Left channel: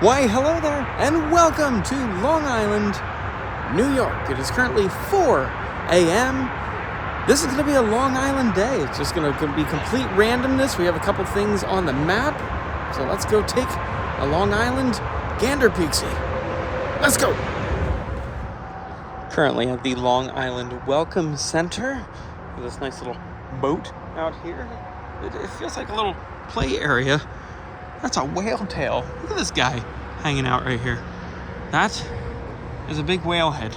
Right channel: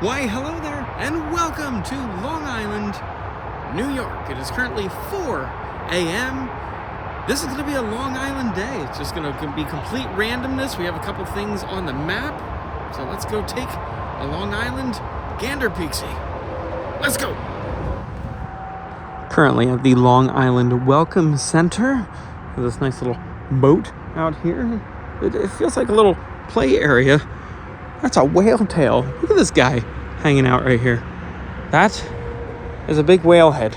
Why, hello there, and welcome to Long Island, New York. It is currently 4 a.m. This is going to be a Long Island day. It's just going to be complete randomness. We have a couple things on the map, so let's go take a Long Island gander peek-see. Let's go! Currently at the Long Island Welcome Center. There's this nice little boat out here. It feels like a little play area. That's a whale tail. Look at this guy hanging out right here. That is a big whale head.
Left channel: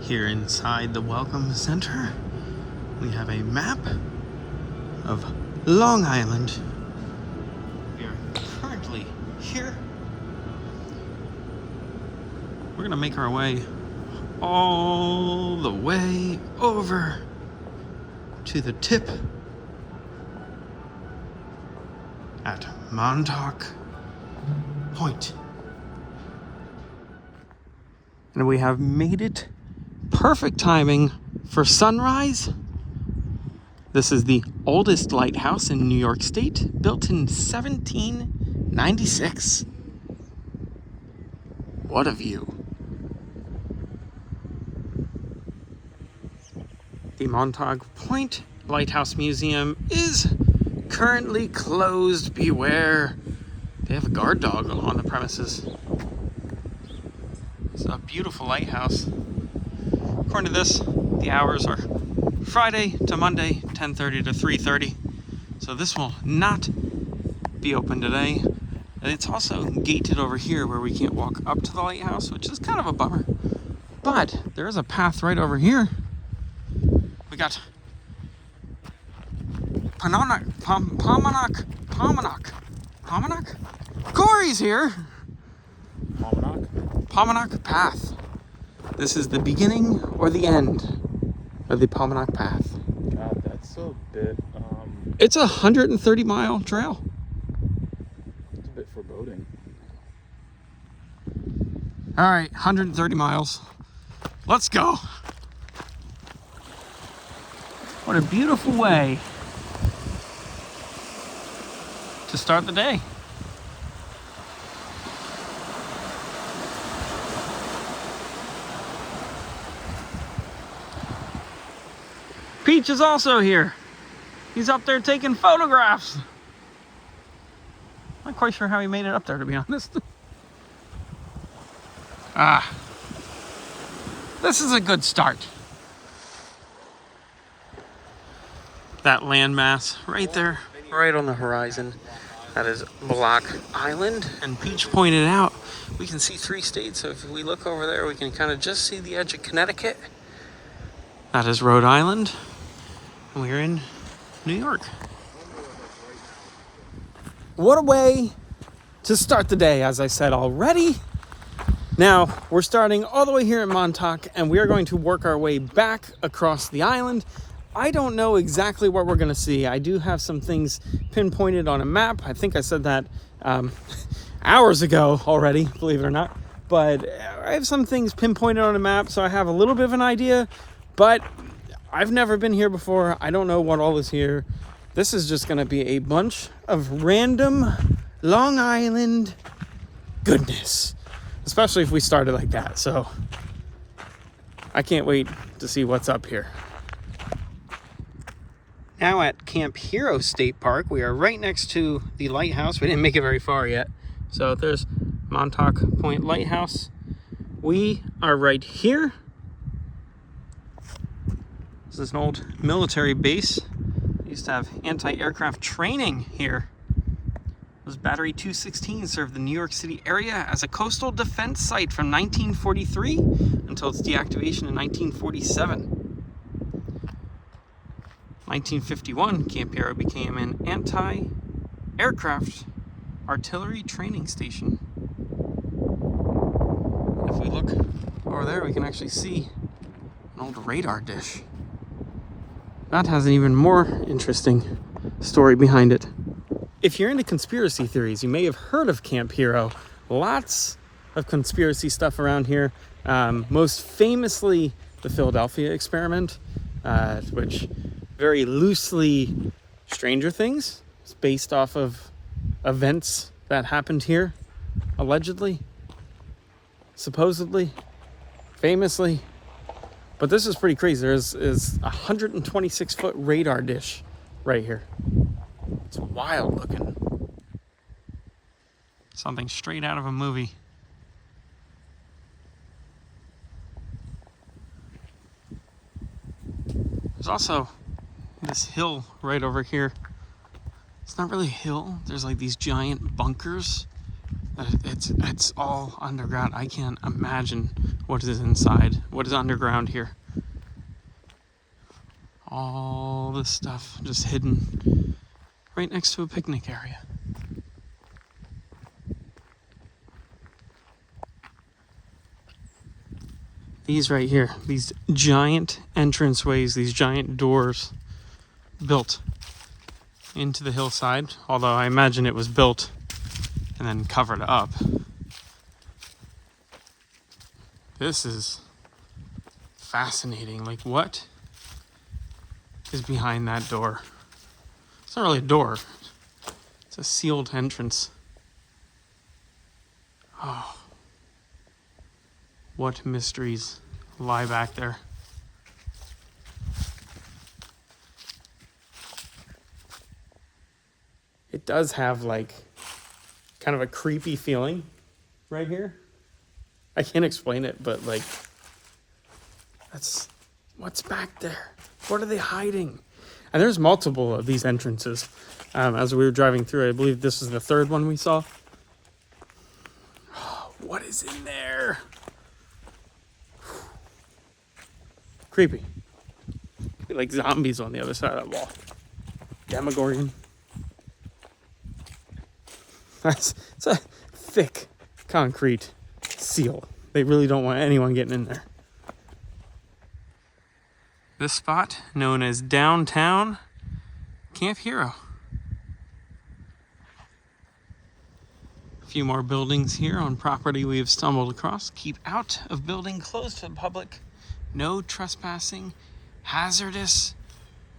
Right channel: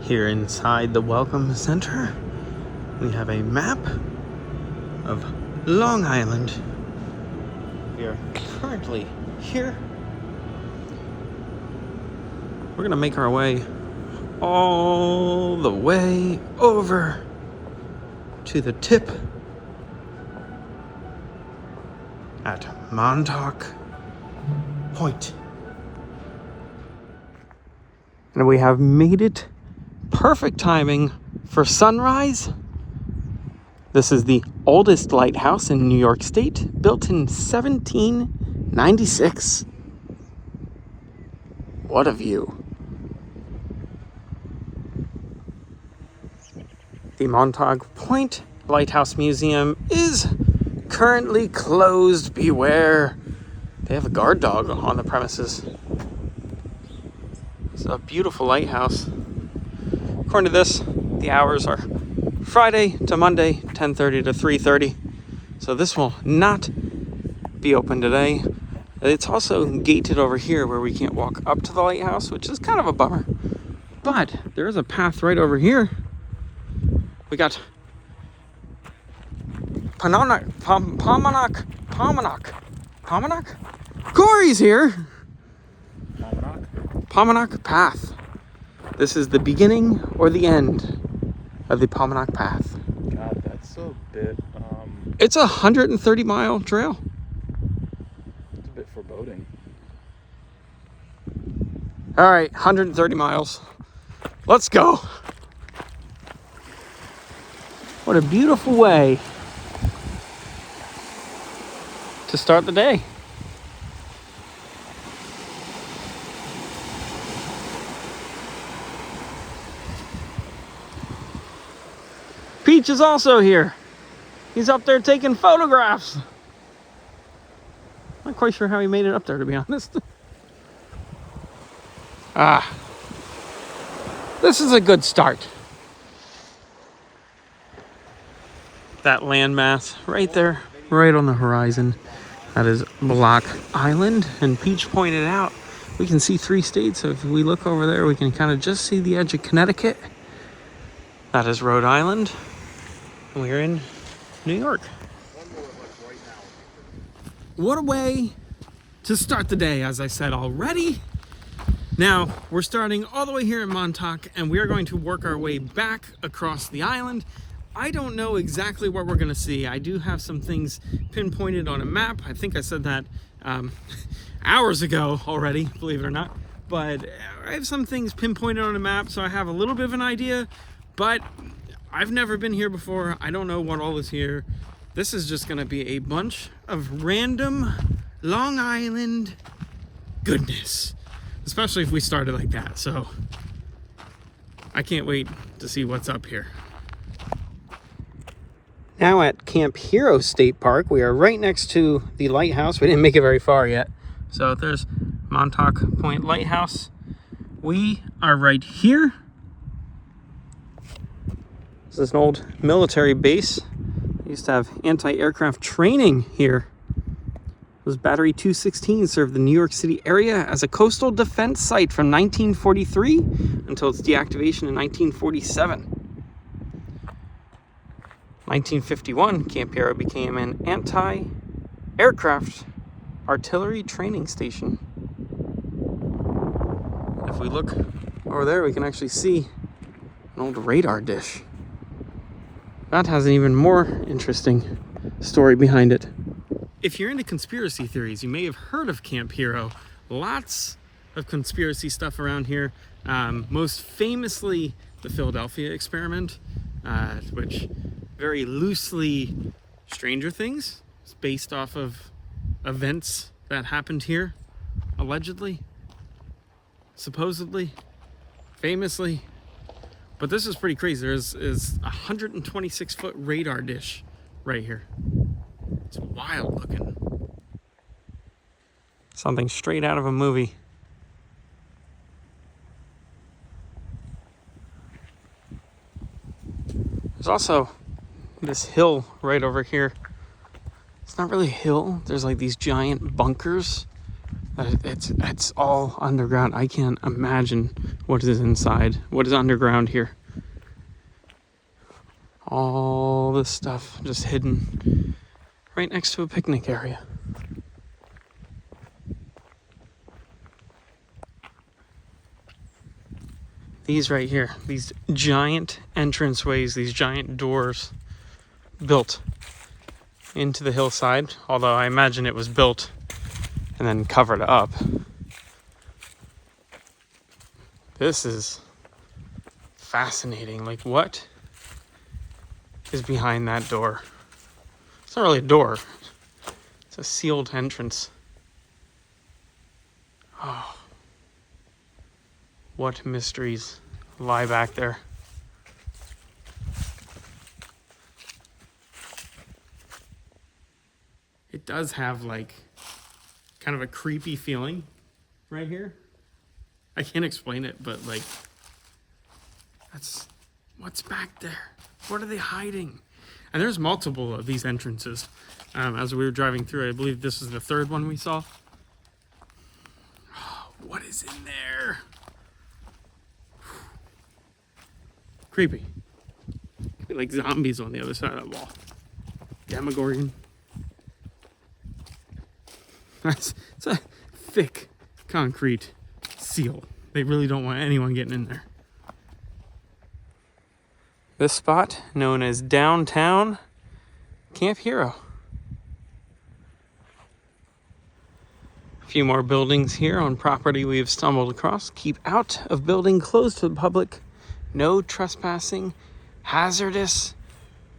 Here inside the Welcome Center, we have a map of Long Island. We are currently here. We're gonna make our way all the way over to the tip at Montauk Point. And we have made it. Perfect timing for sunrise. This is the oldest lighthouse in New York State, built in 1796. What a view. The Montauk Point Lighthouse Museum is currently closed. Beware. They have a guard dog on the premises. It's a beautiful lighthouse. According to this, the hours are Friday to Monday, 10:30 to 3:30. So this will not be open today. It's also gated over here where we can't walk up to the lighthouse, which is kind of a bummer. But there is a path right over here. We got Pomanock. Corey's here. Pomanock Path. This is the beginning or the end of the Pomanock Path. God, that's a bit, It's a 130-mile trail. it's a bit foreboding. All right, 130 miles. Let's go. What a beautiful way to start the day. Peach is also here. He's up there taking photographs. Not quite sure how he made it up there, to be honest. This is a good start. That landmass right there, right on the horizon, that is Block Island. And Peach pointed out, we can see 3 states. So if we look over there, we can kind of just see the edge of Connecticut. That is Rhode Island. And we're in New York. What a way to start the day, as I said already. Now, we're starting all the way here in Montauk, and we are going to work our way back across the island. I don't know exactly what we're gonna see. I do have some things pinpointed on a map. I think I said that hours ago already, believe it or not. But I have some things pinpointed on a map, so I have a little bit of an idea, but I've never been here before. I don't know what all is here. This is just gonna be a bunch of random Long Island goodness, especially if we started like that. So I can't wait to see what's up here. Now at Camp Hero State Park, we are right next to the lighthouse. We didn't make it very far yet. So there's Montauk Point Lighthouse. We are right here. This is an old military base. They used to have anti-aircraft training here. This Battery 216 served the New York City area as a coastal defense site from 1943 until its deactivation in 1947. 1951, Camp Hero became an anti-aircraft artillery training station. If we look over there, we can actually see an old radar dish. That has an even more interesting story behind it. If you're into conspiracy theories, you may have heard of Camp Hero. Lots of conspiracy stuff around here. Most famously, the Philadelphia experiment, which very loosely Stranger Things It's based off of events that happened here, allegedly, supposedly, famously. But this is pretty crazy. There's a 126-foot radar dish right here. It's wild looking. Something straight out of a movie. There's also this hill right over here. It's not really a hill. There's like these giant bunkers. It's all underground. I can't imagine what is inside. What is underground here? All this stuff just hidden right next to a picnic area. These right here, these giant entranceways, these giant doors built into the hillside, although I imagine it was built and then covered up. This is fascinating. Like, what is behind that door? It's not really a door. It's a sealed entrance. Oh. What mysteries lie back there? It does have like kind of a creepy feeling right here. I can't explain it, but like, that's what's back there. What are they hiding? And there's multiple of these entrances. As we were driving through, I believe this is the third one we saw. What is in there? Creepy. Like zombies on the other side of that wall. Demogorgon. It's a thick concrete seal. They really don't want anyone getting in there. This spot, known as Downtown Camp Hero. A few more buildings here on property we have stumbled across. Keep out of building closed to the public. No trespassing. Hazardous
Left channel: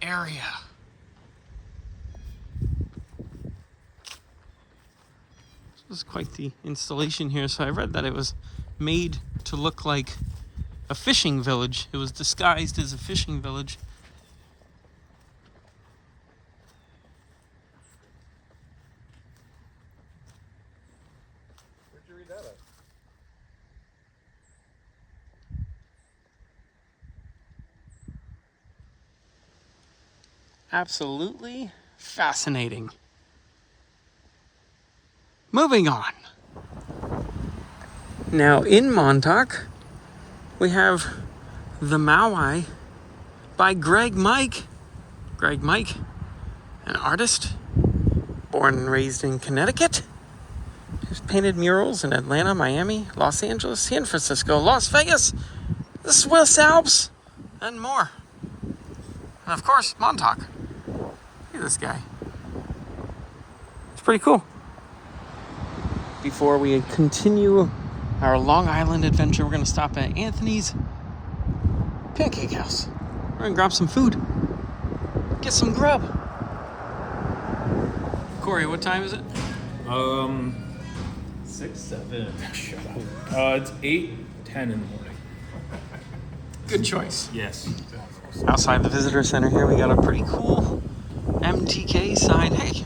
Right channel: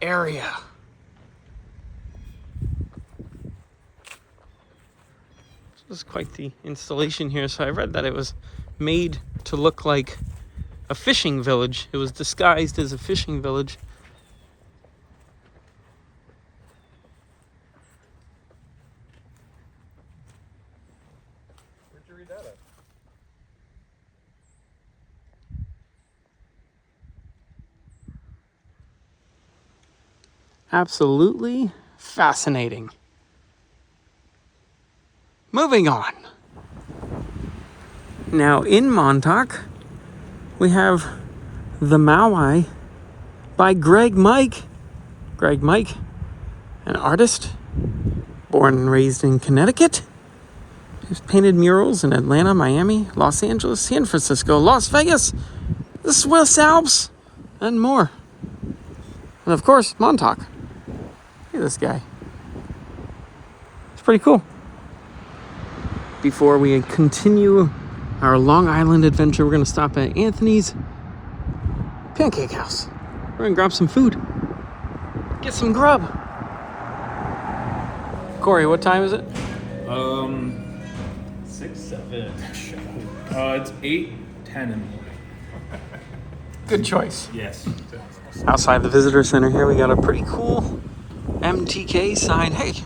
area. This is quite the installation here. So I read that it was made to look like a fishing village. It was disguised as a fishing village. Where'd you read that at? Absolutely fascinating. Moving on. Now in Montauk, we have The Maui by Greg Mike. Greg Mike, an artist born and raised in Connecticut. He's painted murals in Atlanta, Miami, Los Angeles, San Francisco, Las Vegas, the Swiss Alps, and more. And of course, Montauk. Look at this guy. It's pretty cool. Before we continue our Long Island adventure, we're going to stop at Anthony's Pancake House. We're going to grab some food. Get some grub. Corey, what time is it? 6, 7. Shut up. It's 8:10 in the morning. Good choice. Yes. Outside the visitor center here, we got a pretty cool MTK sign. Hey,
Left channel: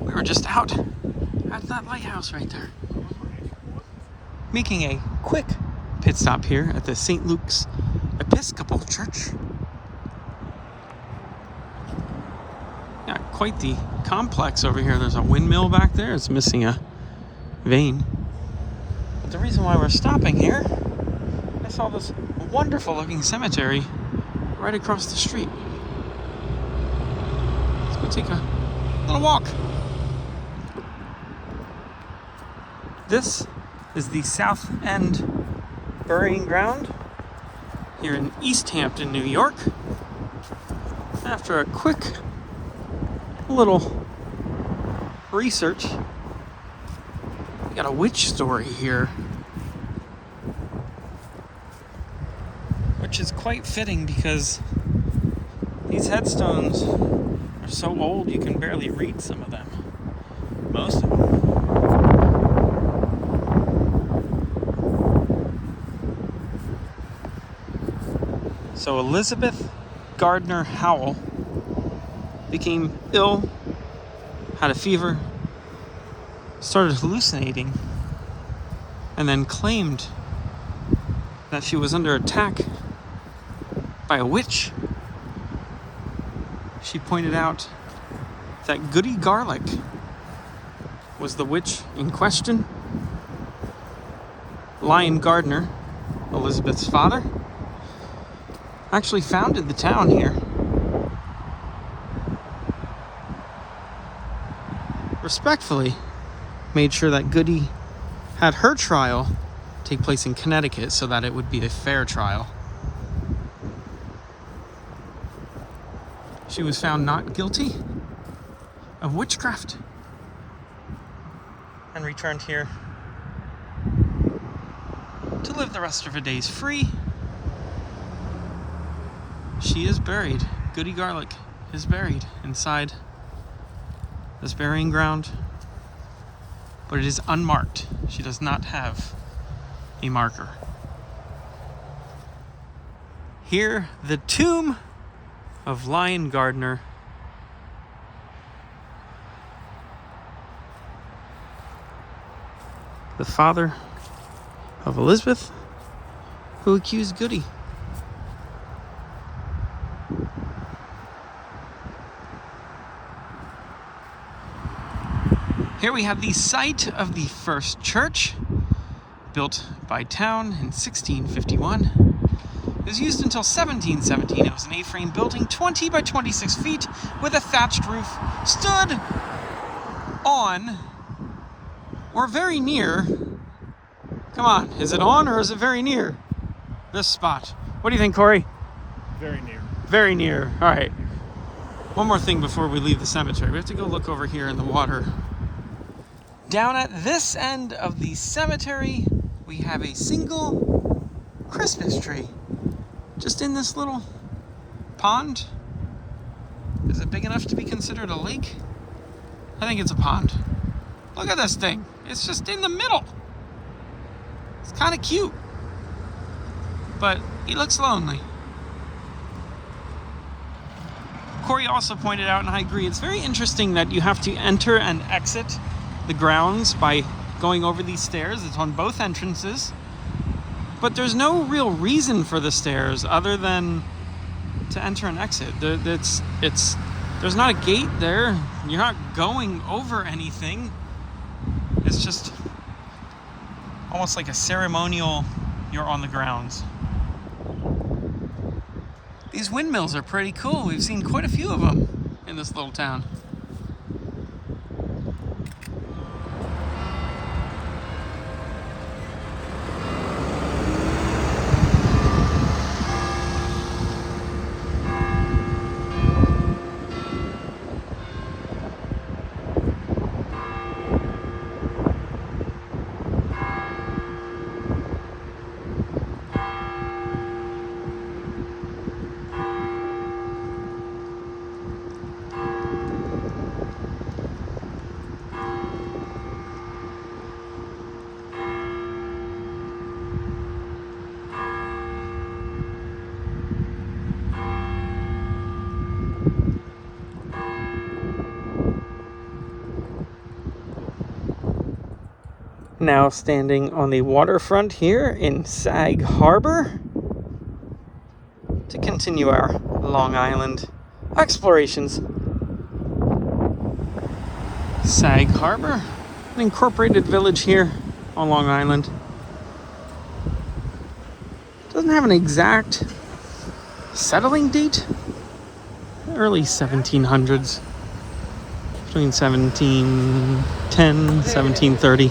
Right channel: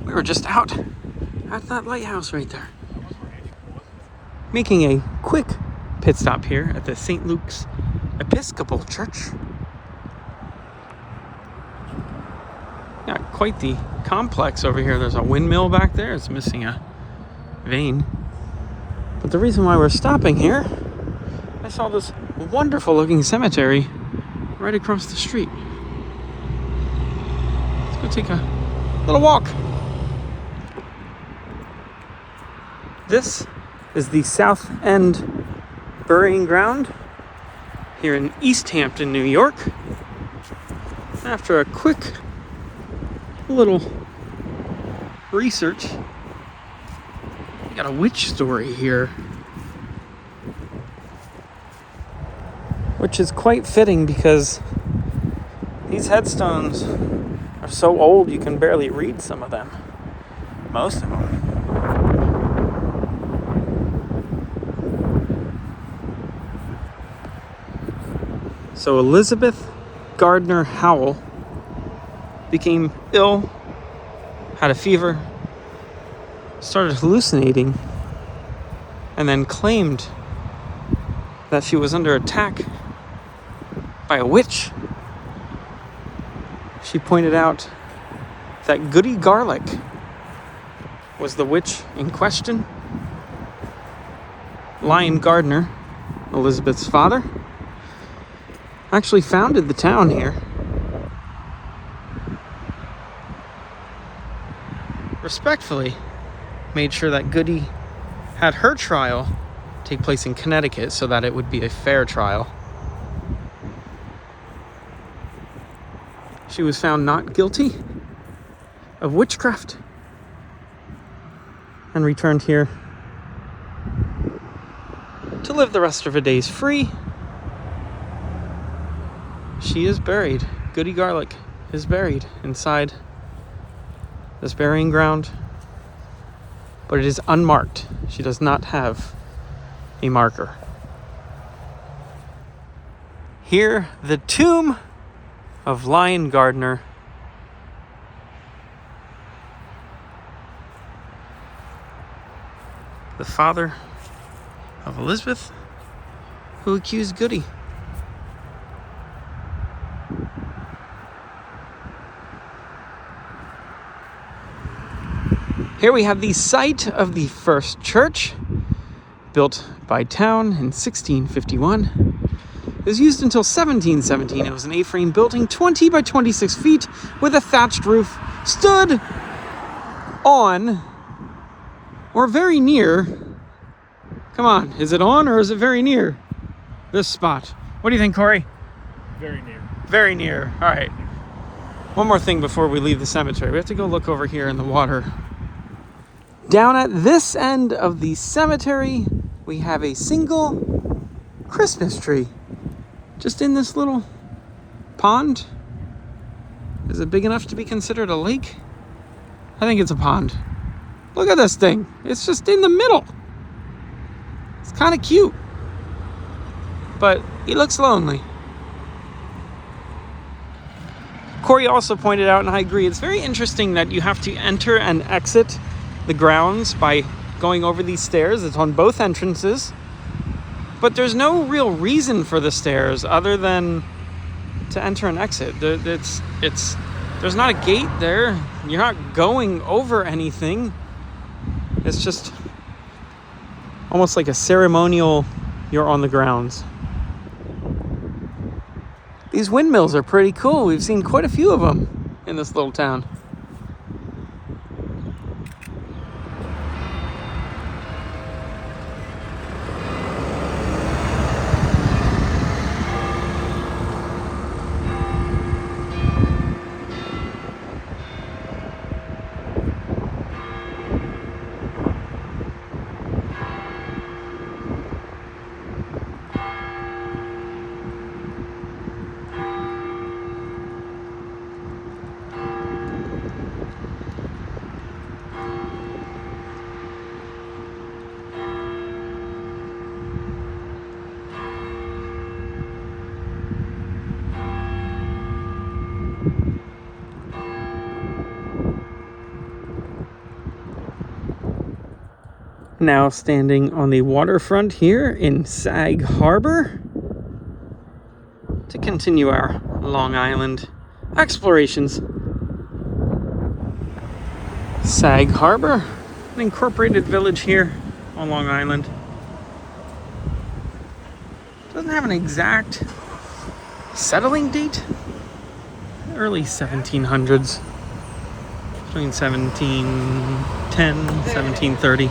we were just out at that lighthouse right there. Making a quick pit stop here at the St. Luke's Episcopal Church. Yeah, quite the complex over here. There's a windmill back there. It's missing a vane. But the reason why we're stopping here, I saw this wonderful looking cemetery right across the street. Let's go take a little walk. This is the South End Burying Ground here in East Hampton, New York. After a quick little research, we got a witch story here, which is quite fitting because these headstones are so old you can barely read some of them. Most of them. So Elizabeth Gardner Howell became ill, had a fever, started hallucinating, and then claimed that she was under attack by a witch. She pointed out that Goody Garlic was the witch in question. Lion Gardner, Elizabeth's father, actually founded the town here. Respectfully made sure that Goody had her trial take place in Connecticut so that it would be a fair trial. She was found not guilty of witchcraft and returned here to live the rest of her days free. She is buried. Goody Garlic is buried inside this burying ground, but it is unmarked. She does not have a marker. Here, the tomb of Lion Gardner. The father of Elizabeth, who accused Goody. Here we have the site of the first church, built by town in 1651. It was used until 1717. It was an A-frame building, 20 by 26 feet, with a thatched roof, stood on, or very near, come on, is it on or is it very near this spot? What do you think, Corey? Very near. Very near. All right. One more thing before we leave the cemetery. We have to go look over here in the water. Down at this end of the cemetery, we have a single Christmas tree. Just in this little pond. Is it big enough to be considered a lake? I think it's a pond. Look at this thing. It's just in the middle. It's kind of cute. But he looks lonely. Corey also pointed out, and I agree, it's very interesting that you have to enter and exit the grounds by going over these stairs. It's on both entrances. But there's no real reason for the stairs other than to enter and exit. There's not a gate there. You're not going over anything. It's just almost like a ceremonial, you're on the grounds. These windmills are pretty cool. We've seen quite a few of them in this little town. Now standing on the waterfront here in Sag Harbor to continue our Long Island explorations. Sag Harbor, an incorporated village here on Long Island. Doesn't have an exact settling date. Early 1700s. Between 1710, 1730.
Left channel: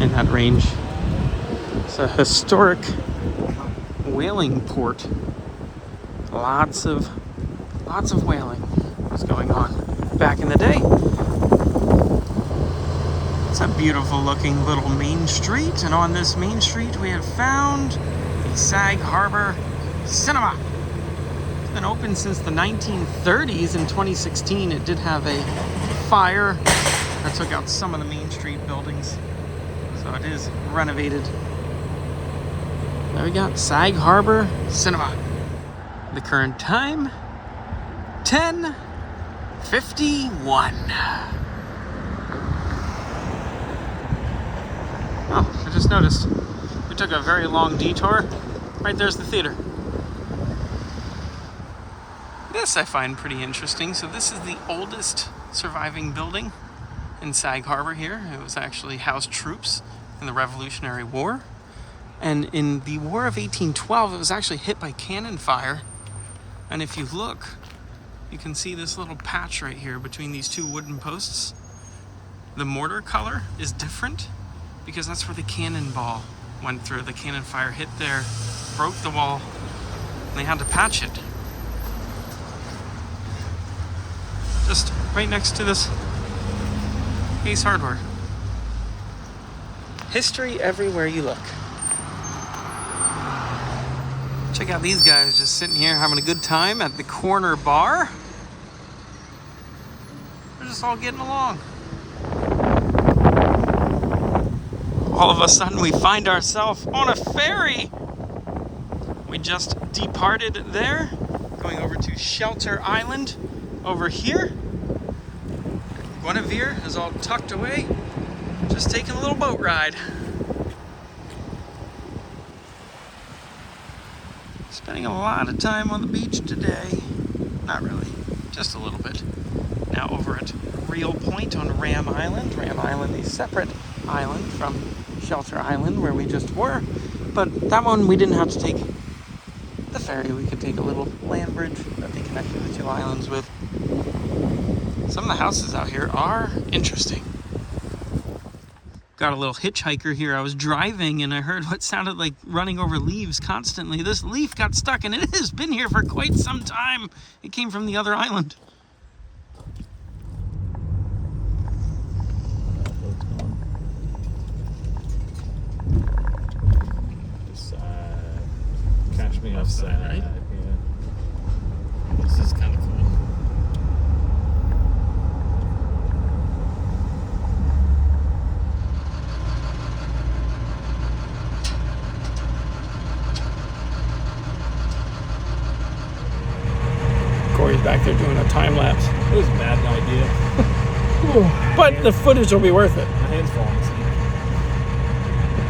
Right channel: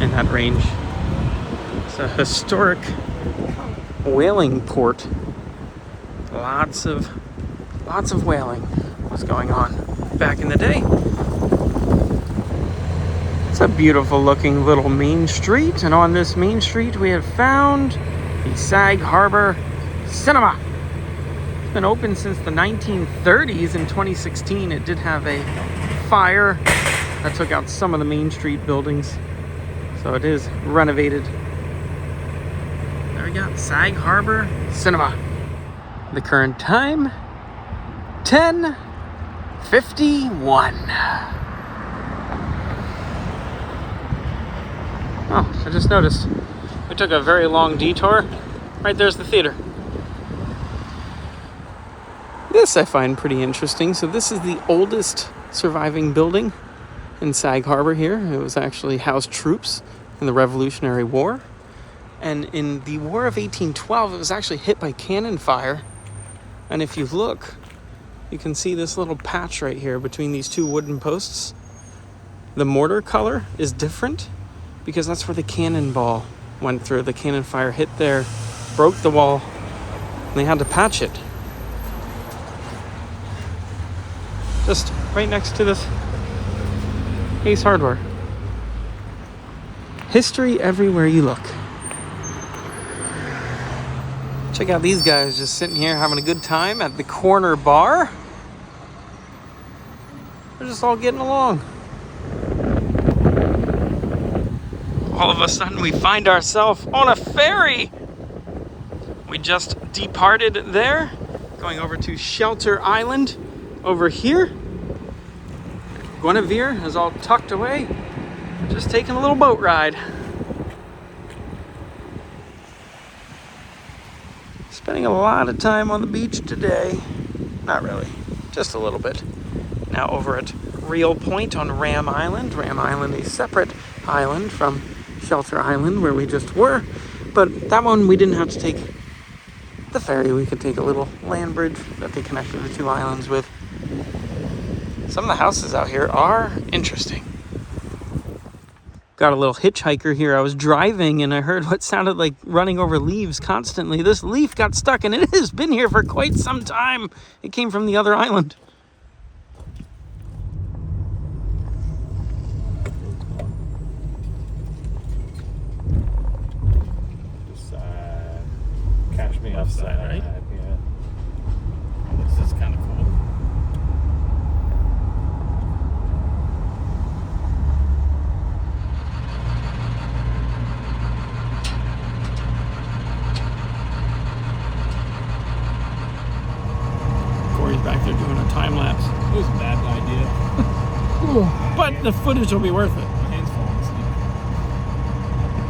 In that range. It's a historic whaling port. Lots of whaling was going on back in the day. It's a beautiful looking little main street, and on this main street we have found the Sag Harbor Cinema. It's been open since the 1930s. In 2016, it did have a fire that took out some of the Main Street buildings. So it is renovated. There we got Sag Harbor Cinema. The current time, 10:51. Oh, I just noticed. We took a very long detour. Right there's the theater. This I find pretty interesting. So this is the oldest surviving building in Sag Harbor here. It was actually housed troops in the Revolutionary War. And in the War of 1812, it was actually hit by cannon fire. And if you look, you can see this little patch right here between these two wooden posts. The mortar color is different because that's where the cannonball went through. The cannon fire hit there, broke the wall, and they had to patch it. Just right next to this Ace Hardware. History everywhere you look. Check out these guys just sitting here having a good time at the corner bar. They're just all getting along. All of a sudden we find ourselves on a ferry. We just departed there, going over to Shelter Island over here. Guinevere is all tucked away, just taking a little boat ride. Spending a lot of time on the beach today. Not really, just a little bit. Now over at Real Point on Ram Island. Ram Island, a separate island from Shelter Island where we just were. But that one we didn't have to take the ferry. We could take a little land bridge that they connected the two islands with. Some of the houses out here are interesting. Got a little hitchhiker here. I was driving and I heard what sounded like running over leaves constantly. This leaf got stuck and it has been here for quite some time. It came from the other island. Side. Catch me offside, right? Yeah. This is kind of cool. Corey's back there doing a time lapse. It was a bad idea. But the footage will be worth it. My hand's falling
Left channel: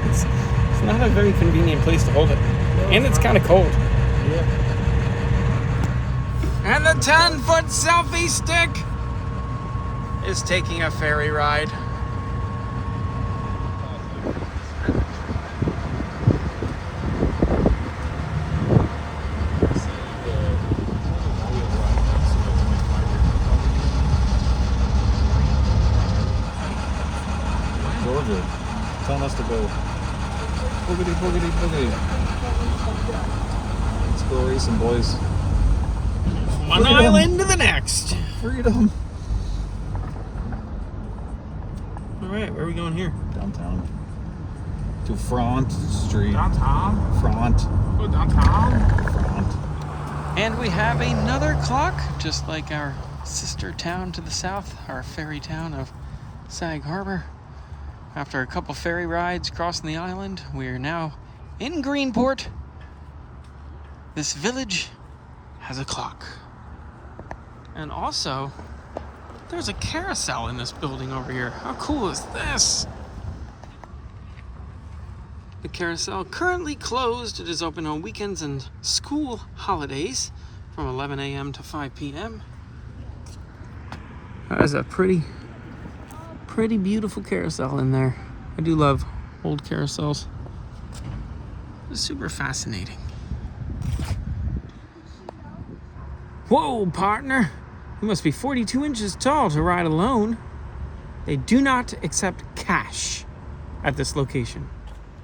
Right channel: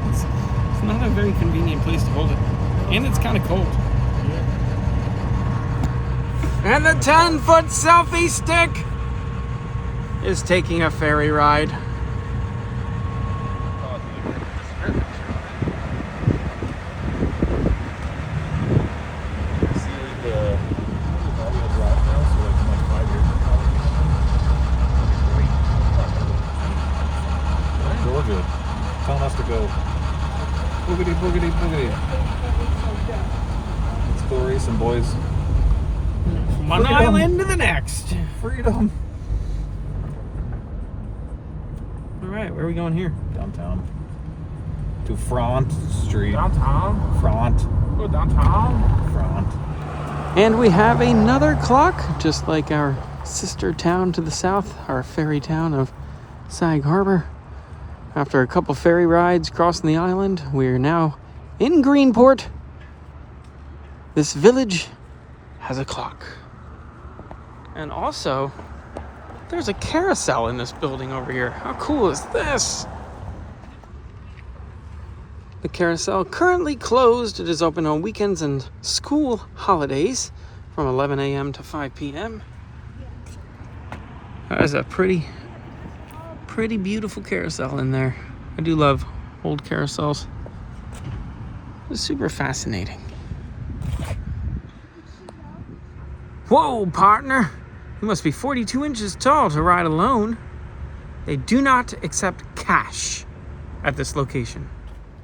asleep. It's not a very convenient place to hold it. And it's kind of cold. Yeah. And the 10-foot selfie stick is taking a ferry ride. Georgia, telling us to go boogity, boogity, boogity. Let's go racing, boys. From one island to the next. Freedom. All right, where are we going here? Downtown. To Front Street. Downtown? Front. Go downtown? Front. And we have another clock, just like our sister town to the south, our ferry town of Sag Harbor. After a couple ferry rides crossing the island, we're now in Greenport. This village has a clock. And also, there's a carousel in this building over here. How cool is this? The carousel currently closed. It is open on weekends and school holidays from 11 a.m. to 5 p.m. That is a pretty beautiful carousel in there. I do love old carousels. It's super fascinating. Whoa, partner. You must be 42 inches tall to ride alone. They do not accept cash at this location.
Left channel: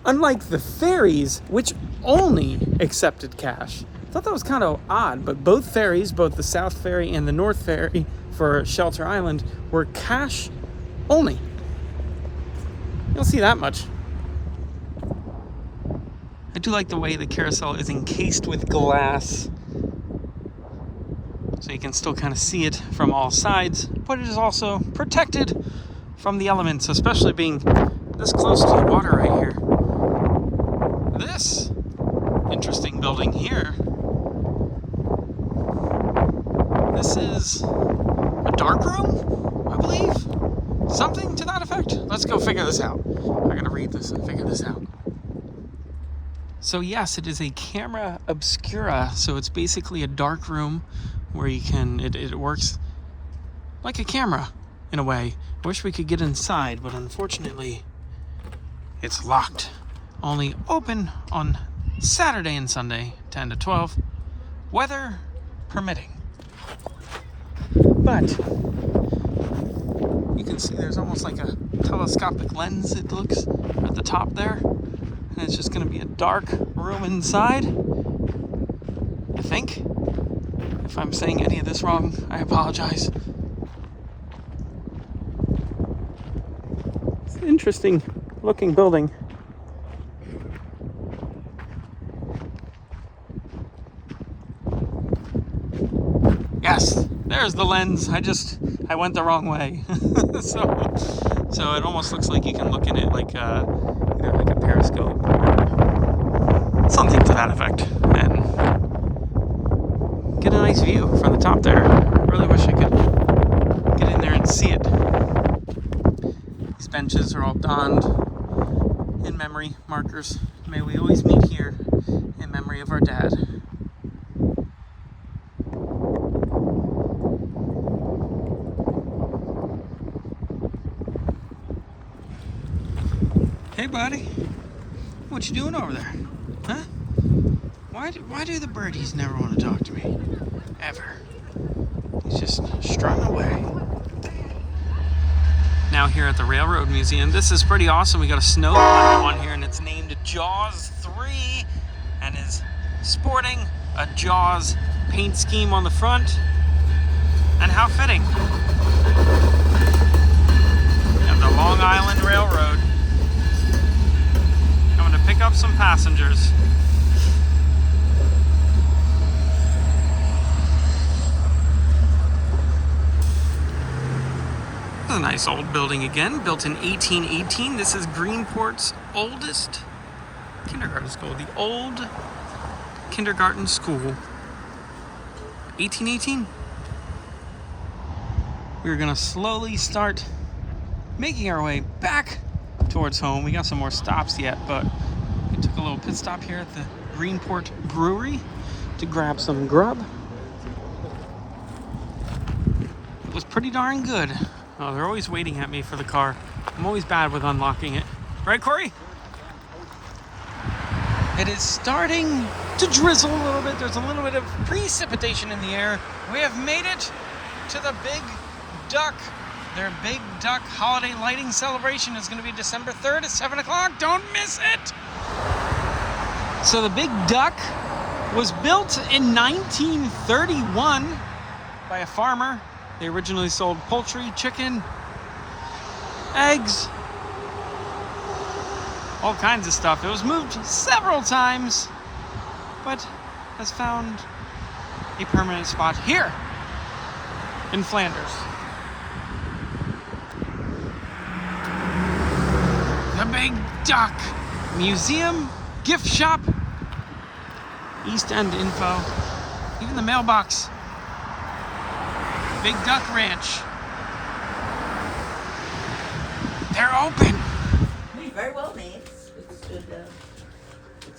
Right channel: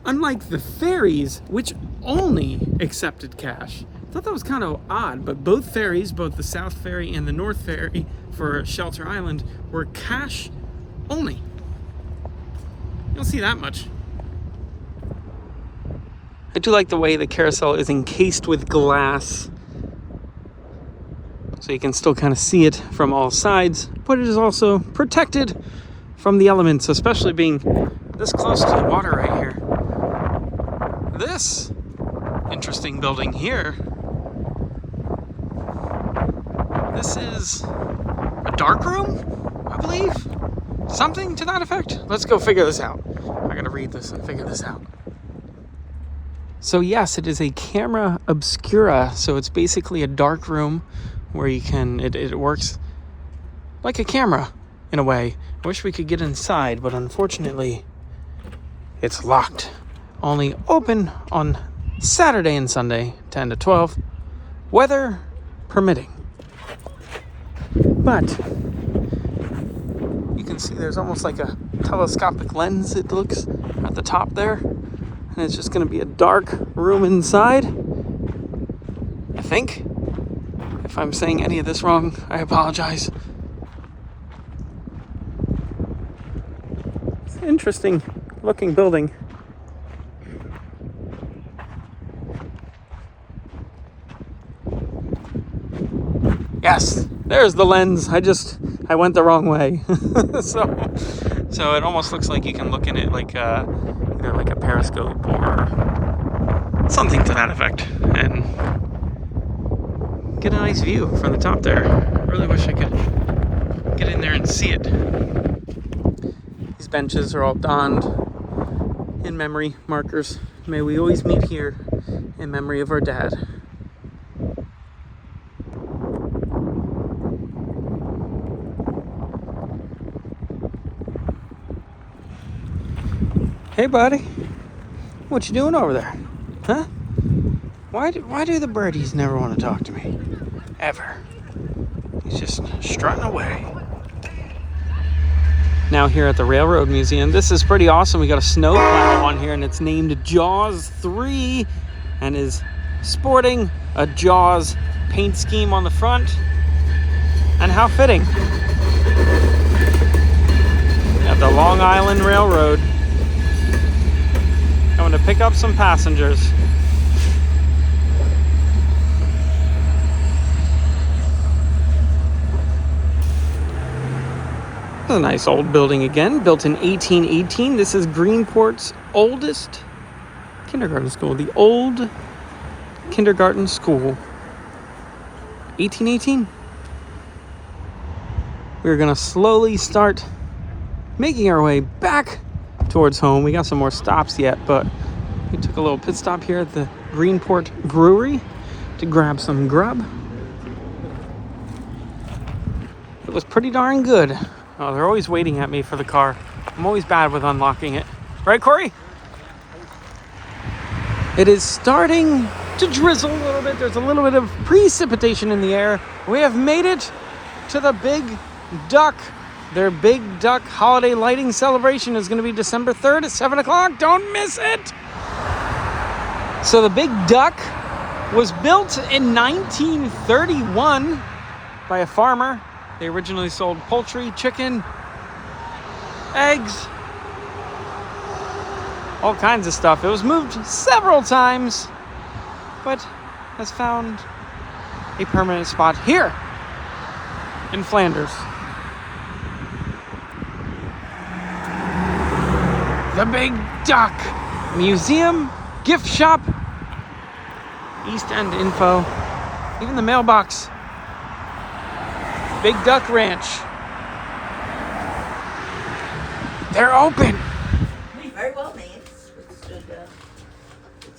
Unlike the ferries, which only accepted cash. I thought that was kind of odd, but both ferries, both the South Ferry and the North Ferry for Shelter Island, were cash only. You don't see that much. I do like the way the carousel is encased with glass. so you can still kind of see it from all sides, but it is also protected from the elements, especially being this close to the water right here. This interesting building here, this is a dark room, I believe. Something to that effect. Let's go figure this out. I gotta read this and figure this out. So yes, it is a camera obscura. So it's basically a dark room where you can, it works like a camera in a way. I wish we could get inside, but unfortunately it's locked. Only open on Saturday and Sunday, 10 to 12, weather permitting. But you can see there's almost like a telescopic lens, it looks, at the top there. And it's just gonna be a dark room inside, I think. If I'm saying any of this wrong, I apologize. It's an interesting looking building. Yes, there's the lens. I went the wrong way. so it almost looks like you can look in it like like a periscope or something to that effect, and get a nice view from the top there. I really wish I could get in there and see it. These benches are all donned in memory markers. May we always meet here in memory of our dad. Hey, buddy. What you doing over there? Huh? Why do the birdies never want to talk to me? Ever. He's just strutting away. Now here at the Railroad Museum, this is pretty awesome. We got a snowplow on here, and it's named Jaws 3 and is sporting a Jaws paint scheme on the front. And how fitting. We have the Long Island Railroad coming to pick up some passengers. This is a nice old building again, built in 1818. This is Greenport's oldest kindergarten school, the old kindergarten school. 1818. We're gonna slowly start making our way back towards home. We got some more stops yet, but we took a little pit stop here at the Greenport Brewery to grab some grub. It was pretty darn good. Oh, they're always waiting at me for the car. I'm always bad with unlocking it. Right, Corey? It is starting to drizzle a little bit. There's a little bit of precipitation in the air. We have made it to the Big Duck. Their Big Duck holiday lighting celebration is going to be December 3rd at 7 o'clock. Don't miss it! So the Big Duck was built in 1931 by a farmer. They originally sold poultry, chicken, eggs, all kinds of stuff. It was moved several times, but has found a permanent spot here in Flanders. The Big Duck Museum, gift shop, East End info, even the mailbox. Big Duck Ranch. They're open. Very well made. Withstood the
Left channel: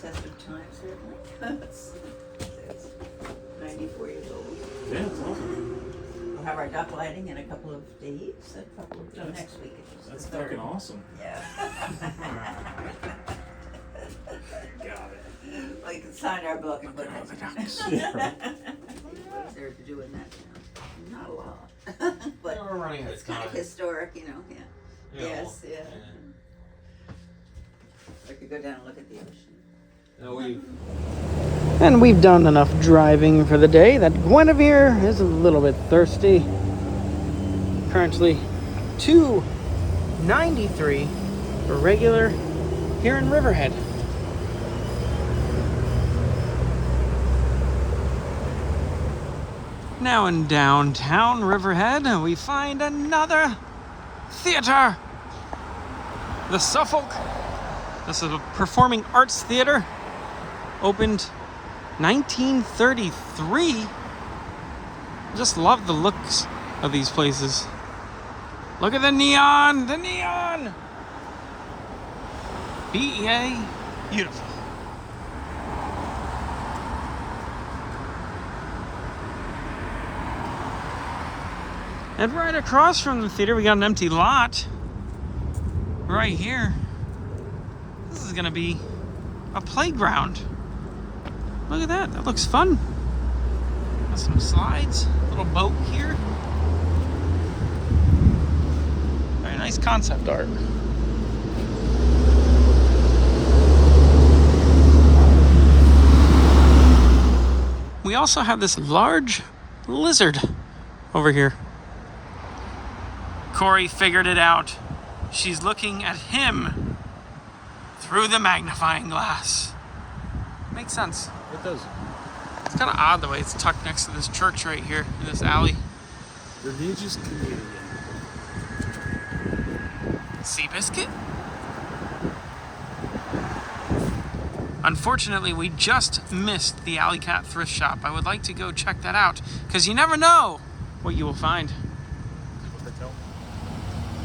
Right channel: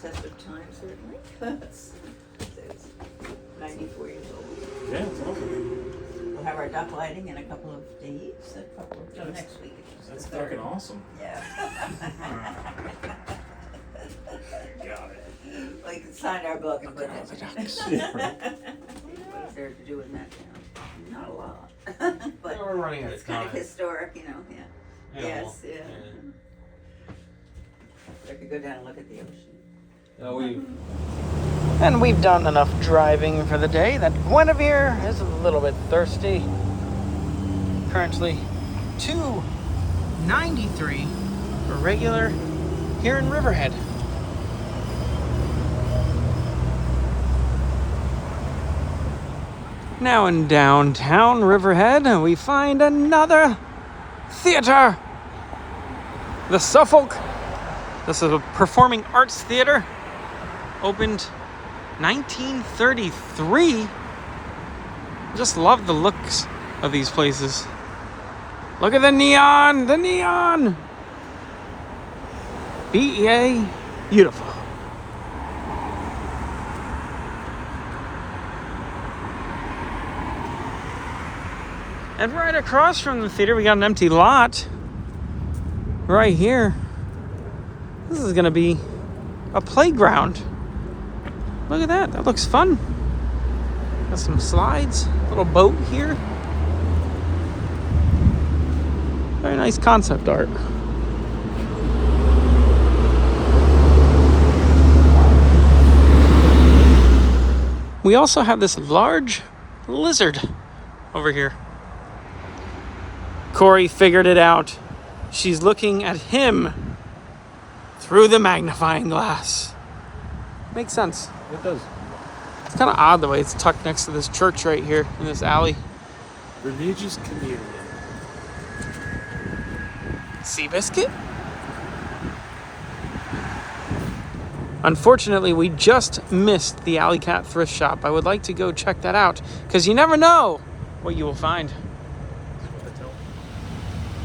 test of time, certainly. It's 94 years old. Yeah, it's awesome. We'll have our duck lighting in a couple of days, next week. That's fucking awesome. Yeah. Got it. We can sign our book and put it. The ducks. What's there to do in that town? Not a lot. But We're running out it's of kind of time. historic, you know. Yeah. Yeah, Yes, well, yeah. I could go down and look at the ocean. And we've done enough driving for the day that Guinevere is a little bit thirsty. Currently 2.93 for regular here in Riverhead. Now in downtown Riverhead, we find another theater. The Suffolk. This is a performing arts theater. Opened 1933. Just love the looks of these places. Look at the neon, the neon. BEA, beautiful. And right across from the theater, we got an empty lot. Right here. This is gonna be a playground. Look at that, that looks fun. Got some slides, little boat here. Very nice concept art. We also have this large lizard over here. Corey figured it out. She's looking at him through the magnifying glass. Makes sense. It does. It's kind of odd the way it's tucked next to this church right here in this alley. Religious community. Seabiscuit? Unfortunately, we just missed the Alley Cat thrift shop. I would like to go check that out because you never know what you will find.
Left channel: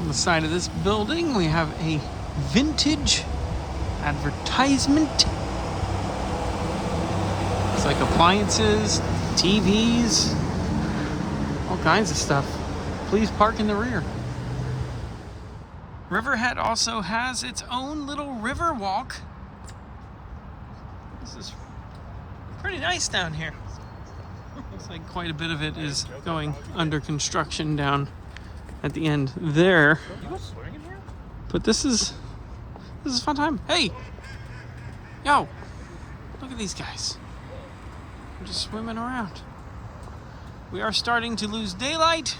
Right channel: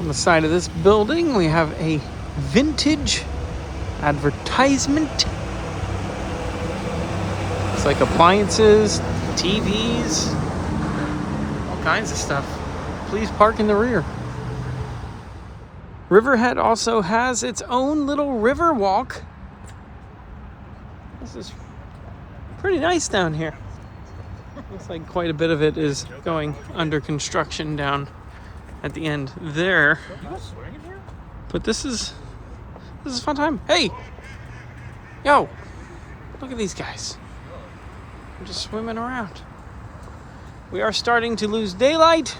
On the side of this building, we have a vintage advertisement. It's like appliances, TVs, all kinds of stuff. Please park in the rear. Riverhead also has its own little river walk. This is pretty nice down here. Looks like quite a bit of it is going under construction down at the end there. But this is a fun time. Hey! Yo! Look at these guys. They're just swimming around. We are starting to lose daylight,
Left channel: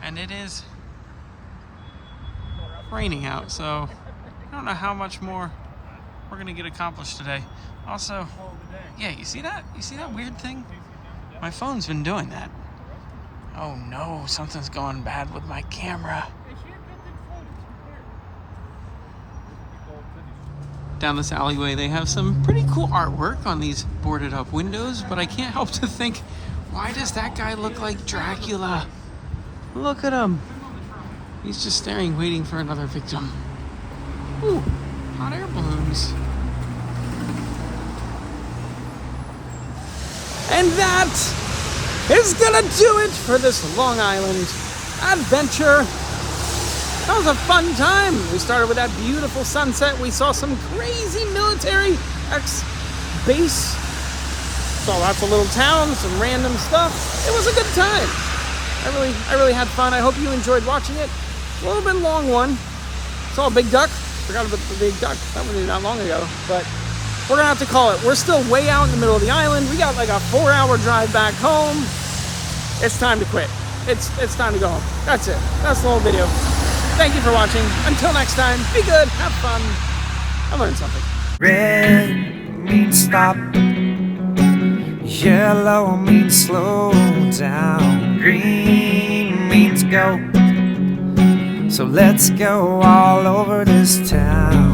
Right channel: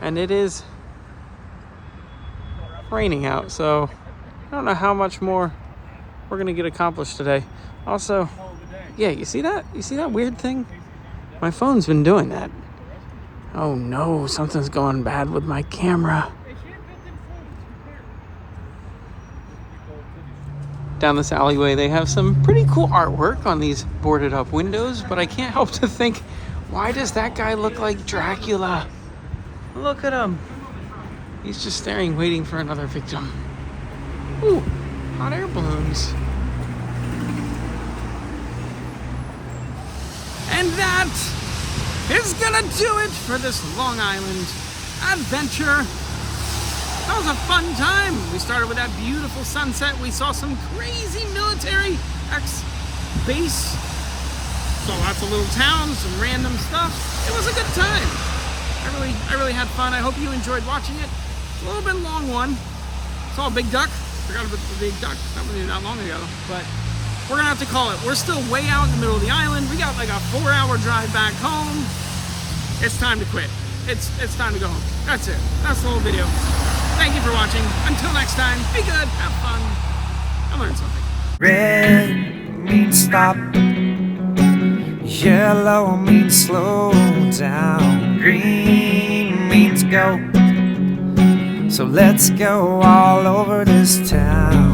and it is raining out, so I don't know how much more we're gonna get accomplished today. Also, yeah, you see that? You see that weird thing? My phone's been doing that. Oh no, something's going bad with my camera. Down this alleyway, they have some pretty cool artwork on these boarded up windows, but I can't help to think, why does that guy look like Dracula? Look at him. He's just staring, waiting for another victim. Ooh, hot air balloons. And that is gonna do it for this Long Island adventure. That was a fun time. We started with that beautiful sunset. We saw some crazy military ex-base. Saw lots of little towns, some random stuff. It was a good time. I really had fun. I hope you enjoyed watching it. A little bit long one. Saw a big duck. Forgot about the big duck. That wasn't that long ago. But we're gonna have to call it. We're still way out in the middle of the island. We got like a 4-hour drive back home. It's time to quit. It's time to go home. That's it. That's the whole video. Thank you for watching. Until next time, be good, have fun, and learn something. Red means stop. Yellow means slow down. Green means go. So let's go all over this town.